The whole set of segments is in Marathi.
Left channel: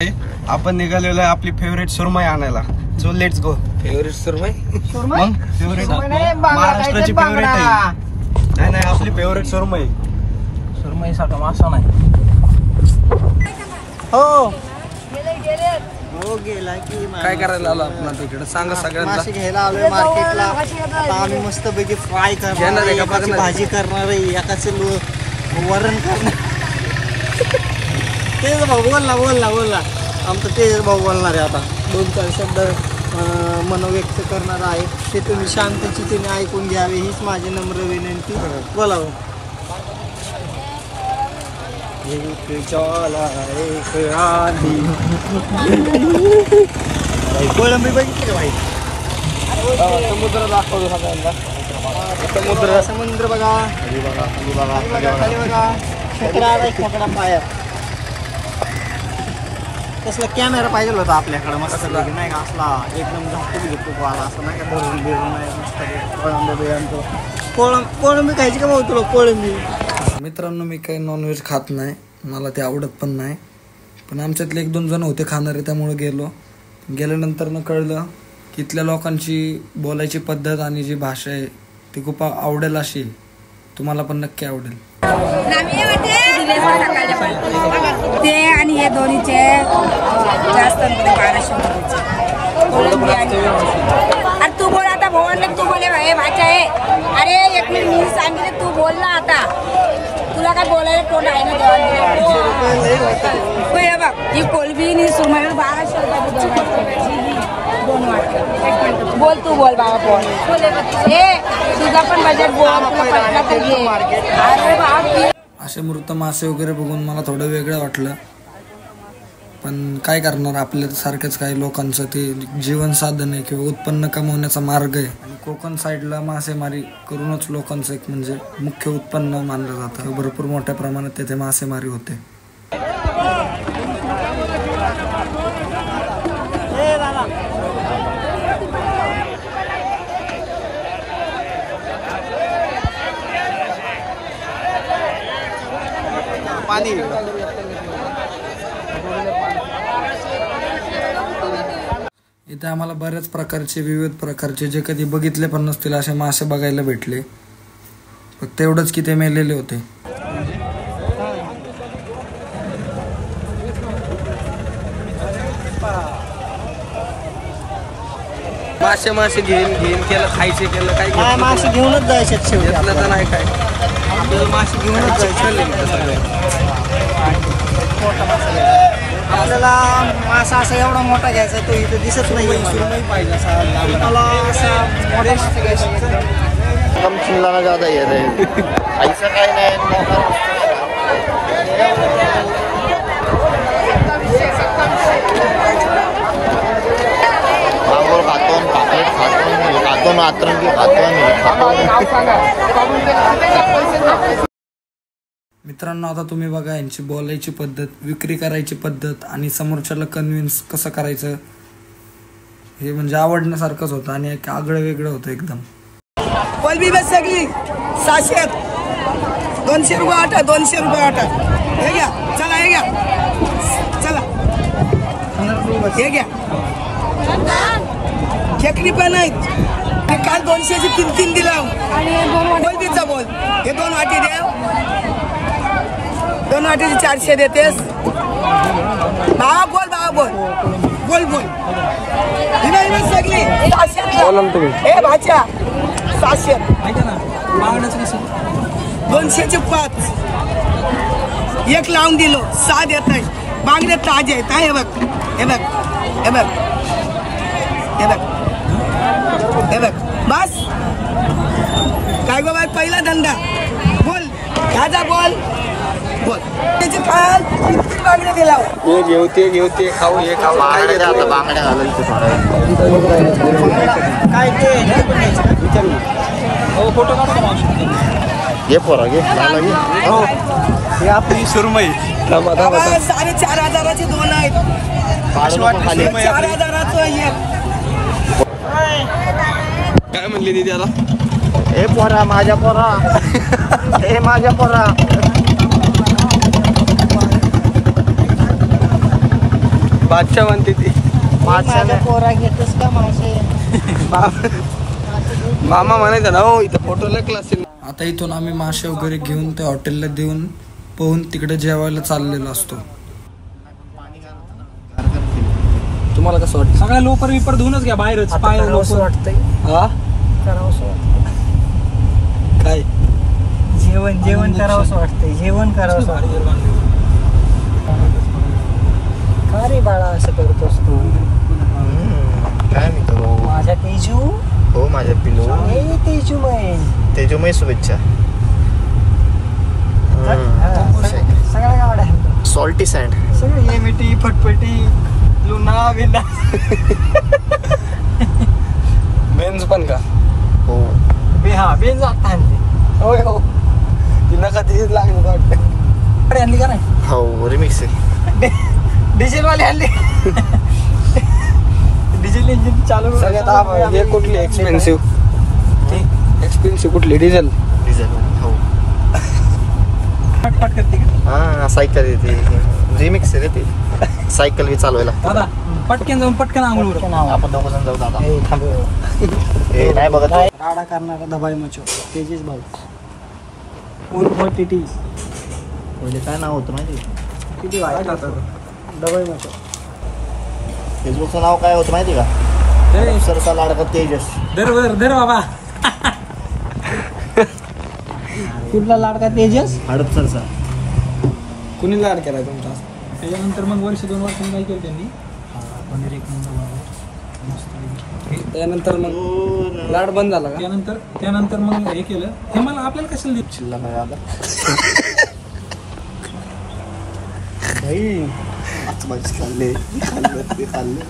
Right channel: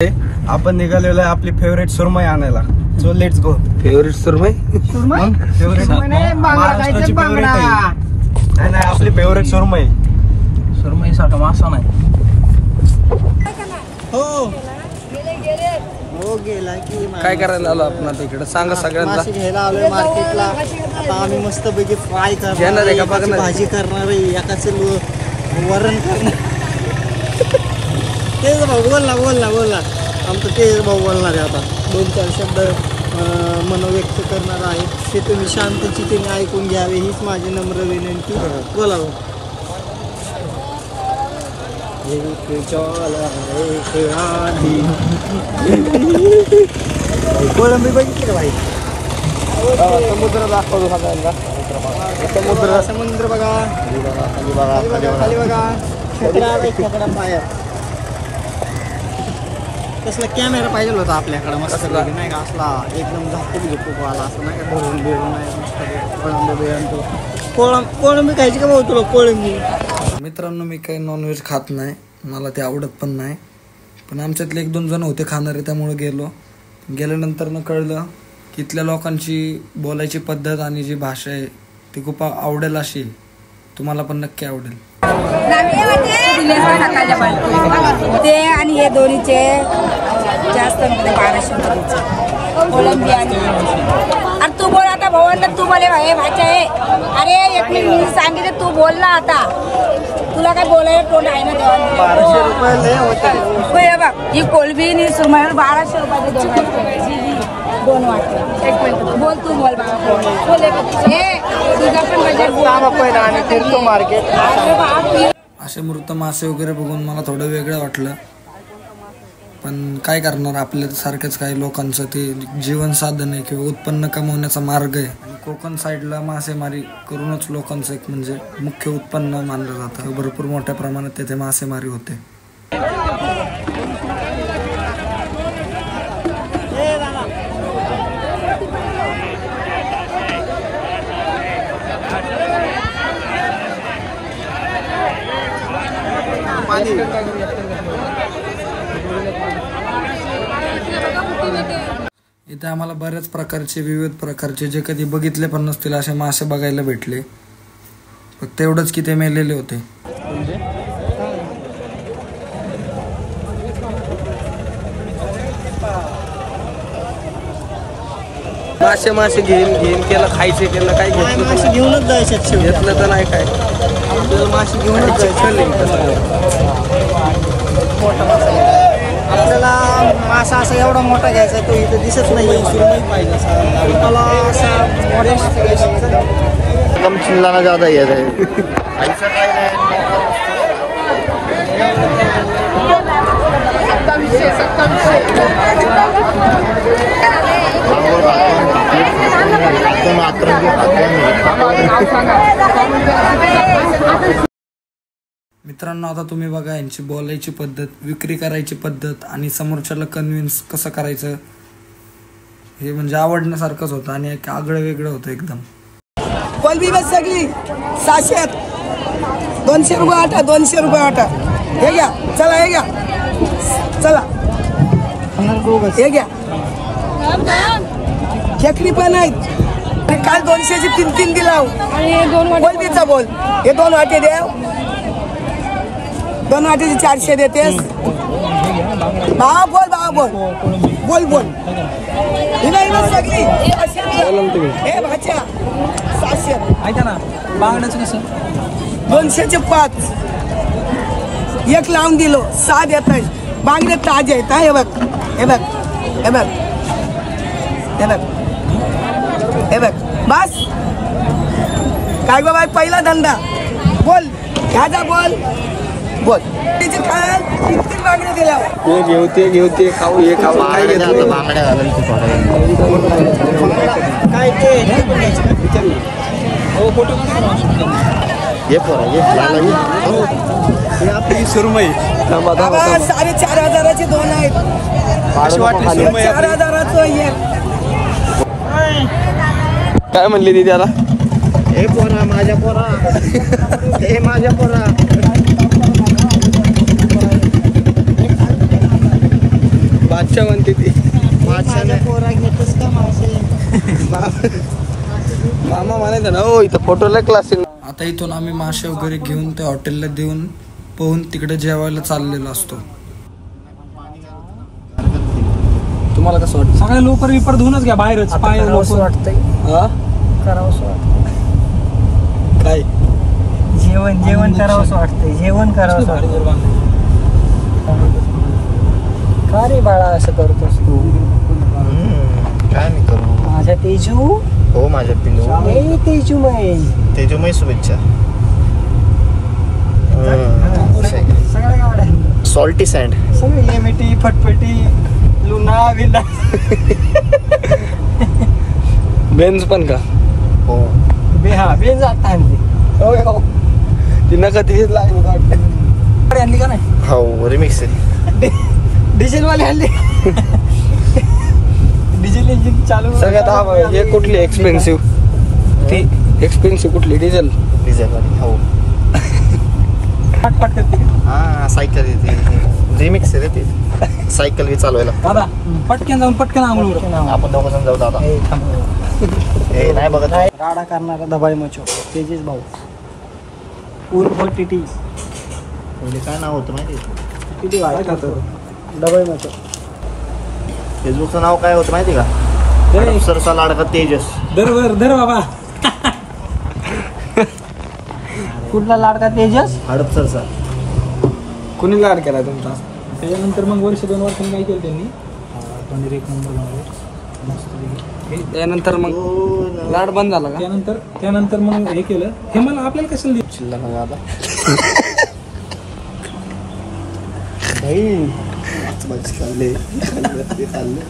आपण निघालेलो आहे आपली फेवरेट सुरमई आणायला. So let's go. Favourite surmai? Favourite महाराष्ट्राची फेवरेट आहे. नाही आपली फेवरेट सुरमई. सुरमई सारखा मासा नाही. हो गेला की काय करायला आलो आपण आता इकडे? सांगा सगळ्यांना. मासे घ्यायला आलोय मार्केटला. आता आम्ही मस्त पैकी फ्राय घेणार आहे का? करणार, भाजी करणार आहे, एकाच वरण करणार. तेच भाऊ बोल ना आमचं तेच भाऊ बोलणार आहे. आता 2-4 शब्द मन व्यक्त करणार आहे. ते तुम्ही शांतचितेने ऐकून घ्यावे हीच माझी नम्र विनंती. बोलावं. कोळंबी बघितली का भाई? समुद्र दाखवतो सगळ्यांना. समुद्र बघा, खाली बघा. खेकडा पाया. तसला कॅमेरा पाहिजे होता आपल्याकडे मस्त नाही का? असला एकदम झाकूक आला असं नाही का? धरून बिरून नाही. कोळंबी खायची का भाऊ तुला? कोळंबी मित्रांनो, मी काही नॉनव्हेज खात नाही, मला ते आवडत पण नाही. पण आमच्यातले 1-2 जण होते खाणारे, त्यामुळे गेल्यानंतर कळलं की इथल्या लोकांची बोलायची पद्धत आणि जी भाषा आहे ती खूप आवडेल. अशी तुम्हाला पण नक्की आवडेल. ते आणि हे दोन्हीचे जास्त 1200. आणि तू बोल आता भगवान, तू बोले भाषा आहे. अरे एक मिनिट मी सांगितलं, तू बोलला आता. तुला काय बोलायला कोण आहे ना? देवाला 1200 रुपये होते. बघ ही कोलबी नि सुरमई 1200 रुपये. 2 वाटे बोल, तू बोल. 1200 हे तुझा पण बजेट बोल. मार्केट असे मृत मासे वगैरे बघून मला थोडं वेगळं वाटलं. पण काय करणार, आपल्या सारख्याच काही लोकांचं ते जीवन साधन आहे किंवा उत्पन्न कमवण्याचा मार्ग आहे. आणि कोकण साईडला मासेमारी करूनच लोकांचं एक म्हणजे मुख्य उत्पन्न मानलं जातं. भरपूर मोठ्या प्रमाणात तेथे मासेमारी होते. इथे आम्हाला बऱ्याच प्रकारचे, विविध प्रकारचे, जे कधी बघितले पण नसतील असे मासे बघायला भेटले. फक्त एवढंच की ते मेलेले होते. मासे घेऊन केलं, खायचे केलं, काय मासे घेऊनच जायचे. घेतलं तर नाही काय, आपल्याला मासे घेऊनच जायचे. मोठा मासा आपल्याला मासा असा एवढा मोठा घ्यायचा, तो इथं दिसत नाही. पाहिजे मला असा चिल्लाना ज्यादा येत आहे. ऐसा काय नाही. 27. मित्रांनो, आता तुम्ही बघा यांची बोलायची पद्धत, विक्री करायची पद्धत आणि समोरच्याला कन्व्हिन्स कसं करायचं, हे म्हणजे आवडण्यासारखंच होतं आणि एक आगळं वेगळं होतं एकदम. कोलबी बस सगळी 700. 200 रुपये आटा, 200 रुपये आटा. हे घ्या, चला हे घ्या, चला हे घ्या. खेकडी पण आहेत. काल 200ची 3 दिला. कोलबीचा बोल. हे 2 वाटे द्या. 2 वाटेची 400 देतेस. भावा बोल. हिमा सगळी 700. हे भाच्या 700. ऐका ना, बांगड्याचं कसं? 200चे 5. 1 लावून दिलो, 6 देत आहे. बांगडे ताजे आहेत. हे बघ बस. काय बाबा, पहिला धंदा. बोल ह्याचा बोल. त्याचे काल 3 बांगडे दिला. ते घेऊ ते खाऊ, हे खाऊ. काय हे आपली सुरमई 4,500चे 2 आहेत. अशी वाटली सुरमई. 4,000चं आहे. काय म्हणली ती त्याला? हे पोरा, माझ्या पोरा. हे माझ्या पोरा. बादशाह म्हणते ती. पोरा घेतोस का मासे? मामा म्हणायचं ना हो इथं फोटोला क्लास. आता इथून आम्ही मासे वगैरे घेऊन त्या हॉटेलला देऊन पोहून तिकडे जेवायला चाललेलो असतो. तुम्हाला कसं वाटतं? सगळ्या लोकर विपर धुवूनच घ्या बाहेरच. पाय करावंसं वाटतंय, हा करावंसं वाटतंय. काय जेवण करावंसं वाटतंय, जेवण करावंसं वाटतंय. का रे बाळा असं करतोस तू? काय मी करू? माझ्या तेजू, हो माझ्या पिलू, तेजूमय तेजोमय शुभेच्छा. सगळ्या गाड्या सॉल्टी सँड. सगळी एमिटी फटफटी लुना बिना. बेन्स पण का? हो हा बेन जाता होय हो. तिनं कधी लागलं वाटतं. आणली का नाही? हो रिमिक्स आहे. डिझेल वाली आणली. डिझेल इंजिन चालू. सगळ्यात हे कुठली एक्सपेन्सिव्ह? ती एक्सपेन्सिव्ह कुठली? डिझेल. डिझेल वाली हो. फटफट करते का? हा सायकल येते, रिमिक्स आहे रे ते. सायकल बी चालवायला. दादा पटकन जाऊन पटकन आंघोळ. आपण दोघं जण जाऊ दादा. थांबू नाही बघत. राडा करणारा दबाई मचो तेजेश भाऊ उर्फ टीटी. पहिले काय नाव होतं ना टीटी भाई दबाई मचो. फेसबुकचं नाव काय होतं माहिती का? सरसा लाडका तेजस. धर बाबा. कुठला लाडका तेजस? हडपसरचा. कुणी लाड केला तुमचा? त्याच्यानंतर मग वर्ष 2 वर्षांनी काय केलं त्यांनी? पनीर 1 नंबर बनवलं. त्यानंतर मग लाड बंद झाला का? त्यानंतर मग हे केलं. हे मला आपल्याला कशाला दिलं? शिल्लक नाही आता. भाई खाल्ले खाल्ले.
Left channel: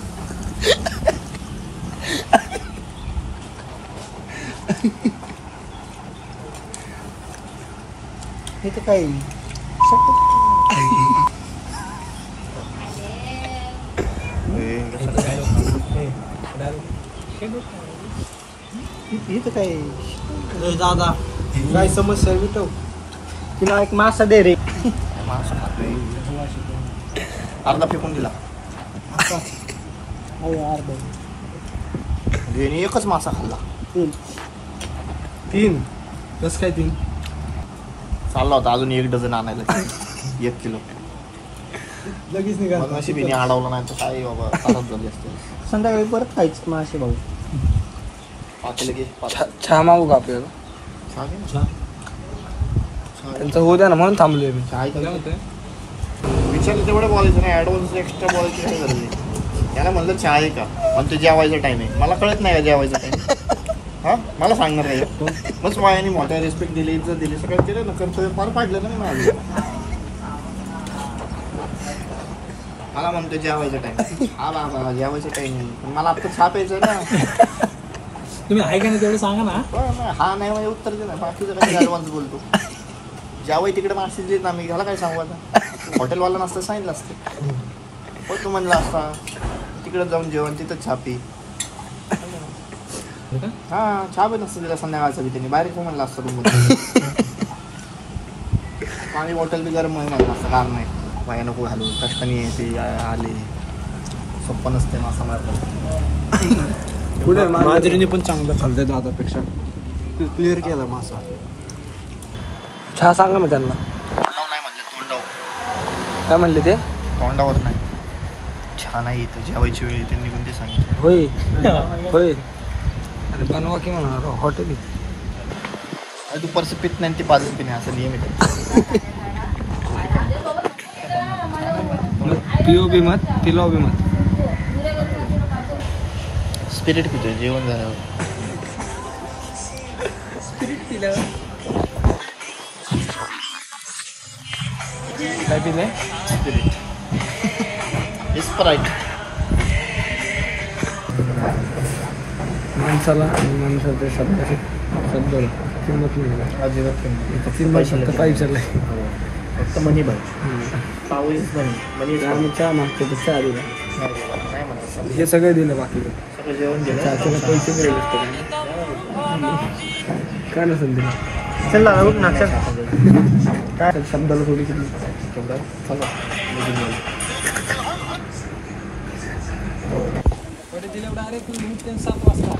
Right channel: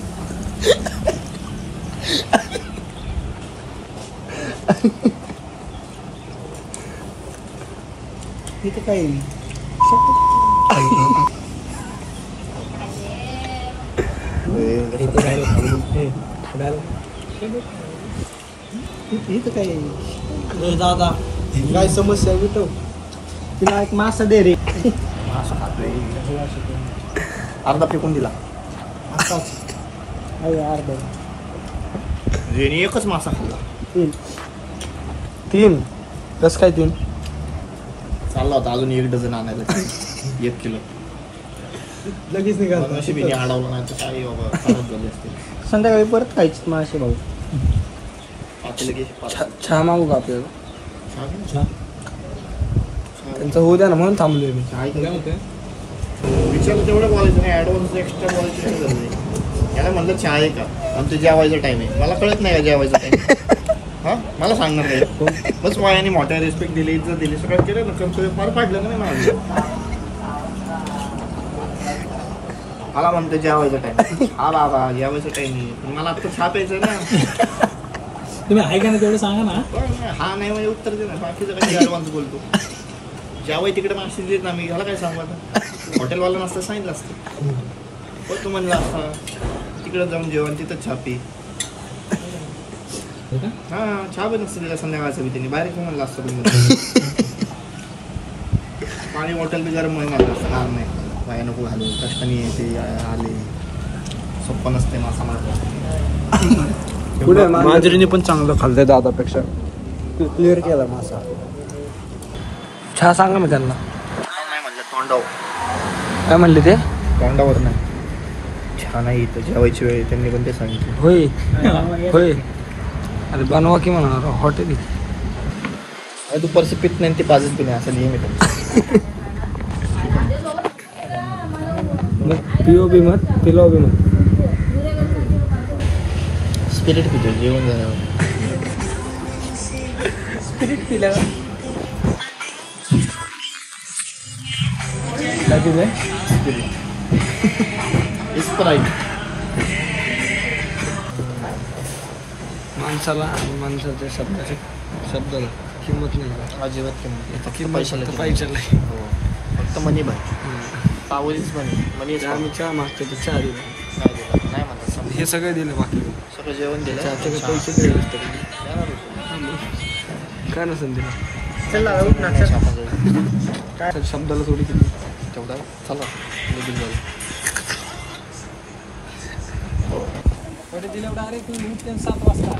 इथे काही इथं काही दादा काय समस्या विटव. तिला एक मासा दे रे. अर्धा फेकून दिला. अर्धा म्हणजे एकच मासा खाल्ला. 3 कसं काय 3? चालला होता अजून 1 डझन आणायला. 1 किलो लगेच निघाल. नशिबीने अडवलं नाही तर काय बाबा खराब झाली असते. संध्याकाळी परत खायचे मासे भाऊ. पातेलं घे. चहा मागू का आपल्याला? चहा घे ना. त्यांचं होऊ द्या ना म्हणून थांबलोय मी. काय विचारलं तेवढं बोलायचं नाही. ॲडव्हान्स एक्स्ट्रा बोलायची काय गरज आहे? याला म्हणलं चहा आहे का? पण ते जेवायचा टाइम आहे. मला कळत नाही का जेवायचा टाइम? हा मला सांगणार काय? बस वायाने मोठ्या रिस्पेक्ट दिली, इज्जत दिली, सगळं केलं ना. कर्तव्य पार पाडलं का नाही माझं? मला म्हणतो जेवायचा टाइम. हा बाबा जेवायचा टाइम आहे, पण मला आता चहा प्यायचं ना. तुम्ही आहे का नाही तेवढं सांगा ना. हा नाही म्हणजे उत्तर दे ना. बाकीचं काही ॲडव्हान्स बोलतो. ज्यावेळी तिकडे मासे देत ना मी ह्याला काय सांगू आता? हॉटेलवाला नसतं सांगितलं असतं. हो तू म्हणला असता तिकडे जाऊन जेवण तिथं चहा पी. हा चहा पण नसतं तिला संध्याकाळचं बी. त्यांनी बाहेर म्हणलं असतं रूममध्ये. पाणी बॉटल बी गरम आहे म्हणलं असतं. काम नाही वाया नको घालू. कष्टाने ते आले. सोपं नसते मासा मारत. मंदिरीने पण चांगलं खाल्लंय दादापेक्षा. क्लिअर केला मासा. चहा सांगा मी त्यांना. नाही म्हणलं तोंडावर. काय म्हणले ते? तोंडावर नाही. छान आहे इथं जेवायची वेळ. त्यांनी पण ते सांगितलं. होय. अरे बनवा की म्हणा हॉटेल. दुपारचं पित नाही ते पाजत पी नाही असं नियमित आहे. पीओबी मत पिलोबी मत. स्पिरिट पितो जेवण झाल्यावर. काय पिलंय? स्पिरिट. स्प्राईट. माणसाला आणि माणसाच्या शब्दाला किंमत नाही. अजिबात इथं किंमत फक्त पैशाला आहे. फक्त मनी बाय. पाऊस मनी. आम्ही चहा मागतो तर चहा दिला. नाही म्हणतात. हे सगळं दिलं बाकी सगळं जेवण दिलं. चहाचे पैसे काही नसतं काय नसेल दिला. चला शब्दाला थोडी किती चला कडे दिल्यावर डायरेक्ट उठते 7 वाजता.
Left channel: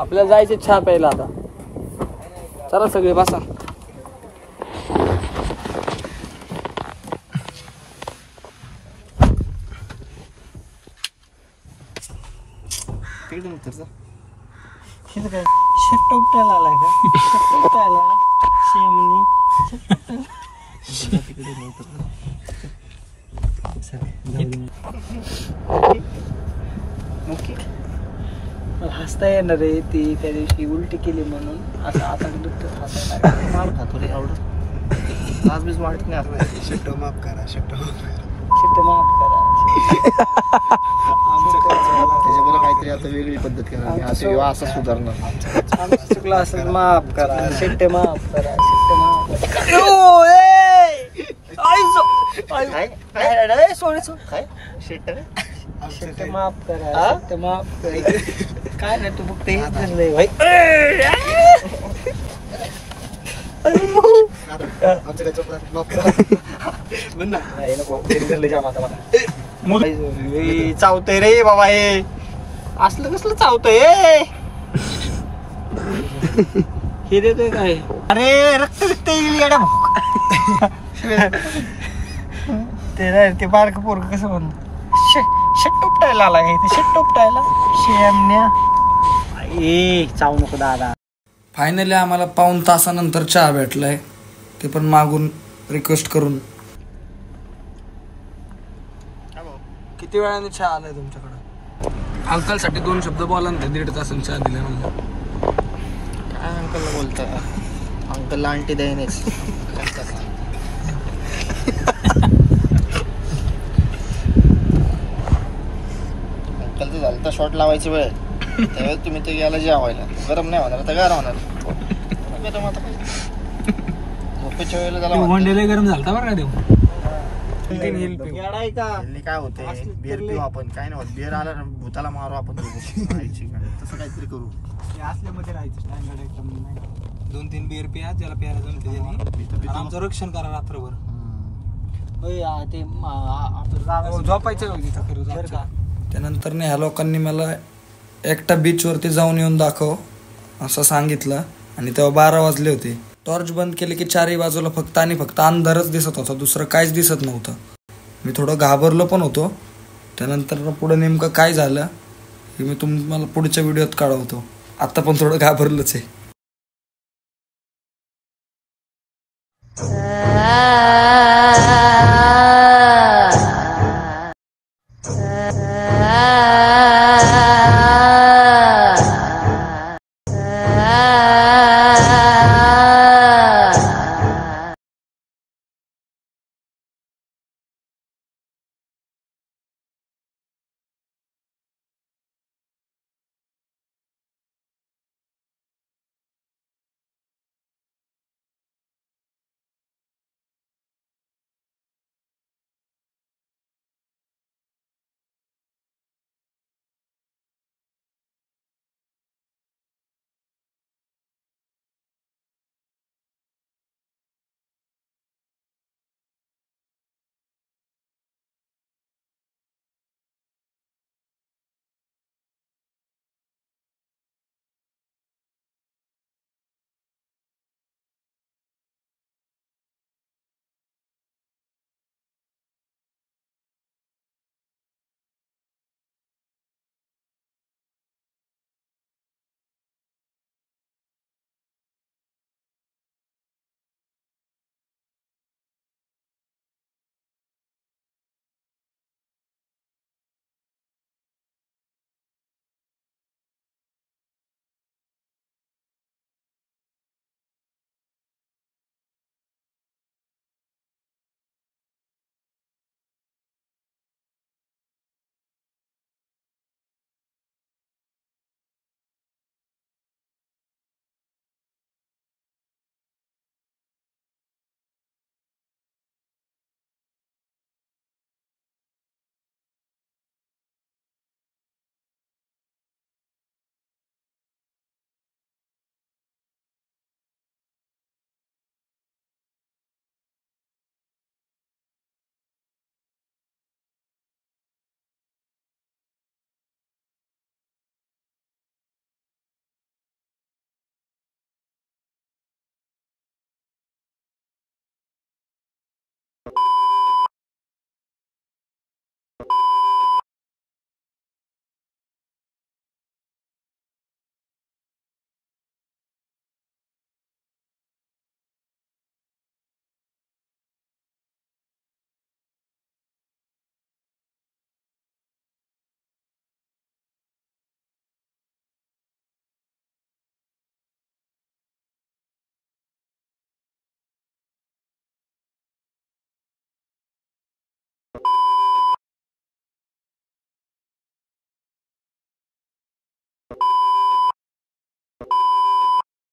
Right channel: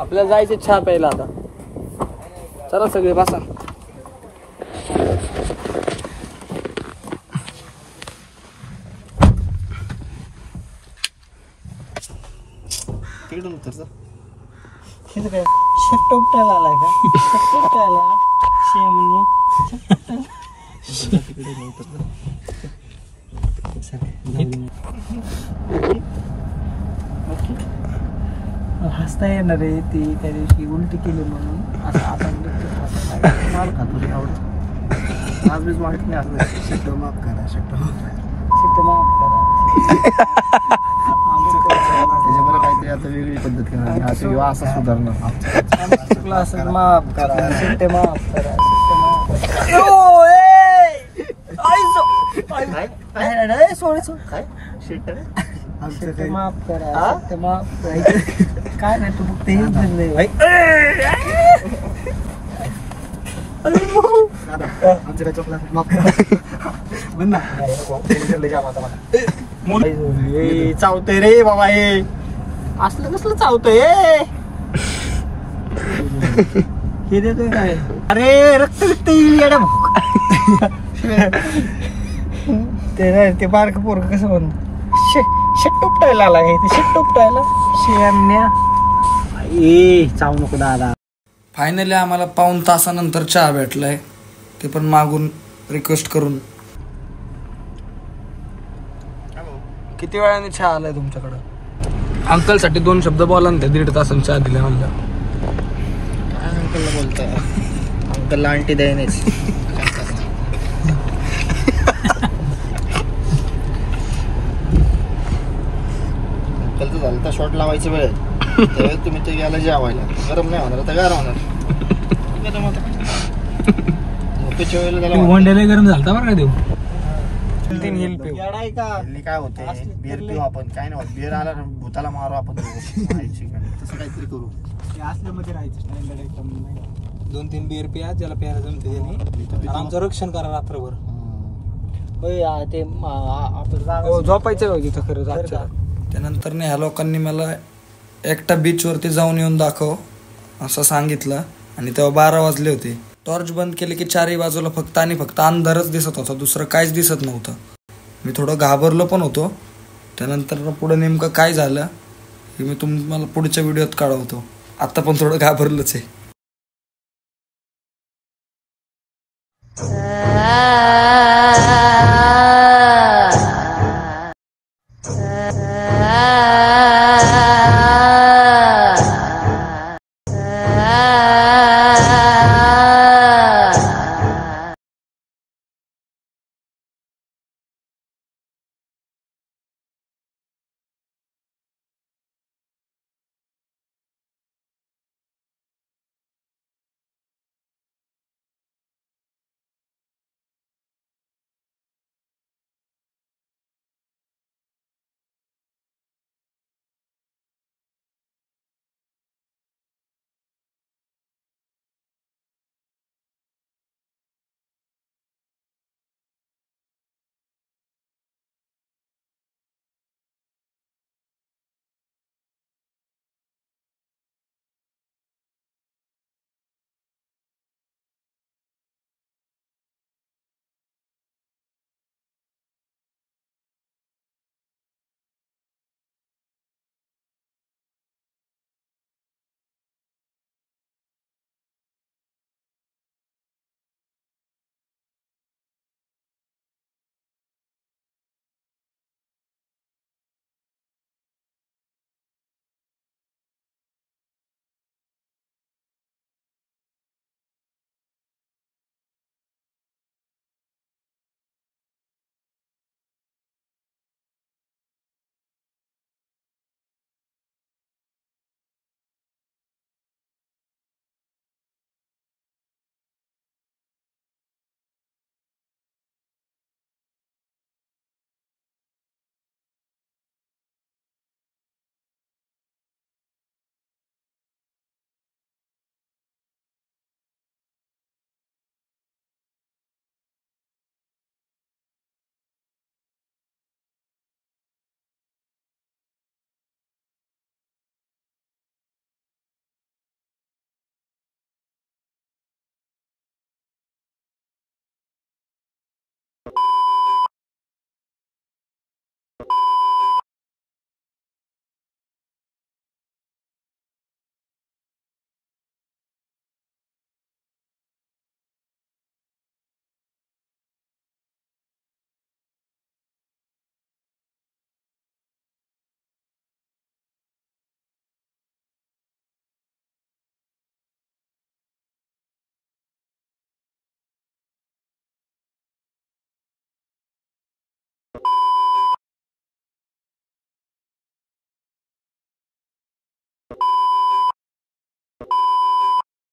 आपल्याला जायचं चहा प्यायला आता. चला सगळे बसा. तिकडून उतरचा. हे काय शेट उपटायला आलाय का? शेट उपटायला शेमनी तिकडे उतरचा. हसता येणार आहे ती त्या दिवशी उलटी केली म्हणून असं आता हसत मार खातो रे आवडत. आज बीज वाटत नाही असं. शट्ट माफ करा. शेट माफ करा. त्याच्याबरोबर काहीतरी आता वेगळी पद्धत करणार असं सुधारणं. आमचं चुकलं असं माफ करा. शेट माफ करा. काय शेट रे शेट माफ करा. शेट माफ करा. काय नाही तू फक्त हेच दिसलंय भाई. आमचं काय चुकलं माफ करा. चावतंय रे बाबा हे असलं कसलं चावतंय हे देतोय काय. अरे रक्त विक्त येईल ते बारक पोरग कसं म्हणतो शेट उपटायला आला हे शेट उपटायला शेमण्या ए चावू नको दादा. फायनली आम्हाला पाऊण तासानंतर चहा भेटलाय, ते पण मागून रिक्वेस्ट करून. किती वेळाने चहा आलाय तुमच्याकडं? अंकल साठी 2 शब्द बोला ना. 1.5 तासांनी चहा दिला म्हणलं. काय अंकलला बोलतोय? अंकलला आंटी द्यायनेच. अंकलचं झालं तर शॉट लावायची वेळ तेव्हा तुम्ही ते याला जेवायला गरम नाही होणार तर गार होणार. झोपेच्या वेळेला त्याला वंड्याला गरम झालता बरं का देऊ. काय होते बिअर पिऊ आपण. काय नाही होत. बिअर आला ना भूताला मारू आपण तसं काहीतरी करू. असल्यामध्ये राहायचं स्टँडर्ड एकदम. 2-3 बिअर प्या ज्याला प्यायला जमते त्याने. आमचं रक्षण करा रात्रभर. ते आपण झोपायचं तिथं खरं. त्यानंतर ह्या लोकांनी मला एकटा बीचवरती जाऊन येऊन दाखव असं सांगितलं. आणि तेव्हा 12 वाजले होते. टॉर्च बंद केले की 4ही बाजूला फक्त आणि फक्त अंधारच दिसत होता, दुसरं काहीच दिसत नव्हतं. मी थोडं घाबरलो पण होतो. त्यानंतर पुढं नेमकं काय झालं हे मी तुम्हाला पुढच्या व्हिडिओत कळवतो. आता पण थोडं घाबरलोच आहे.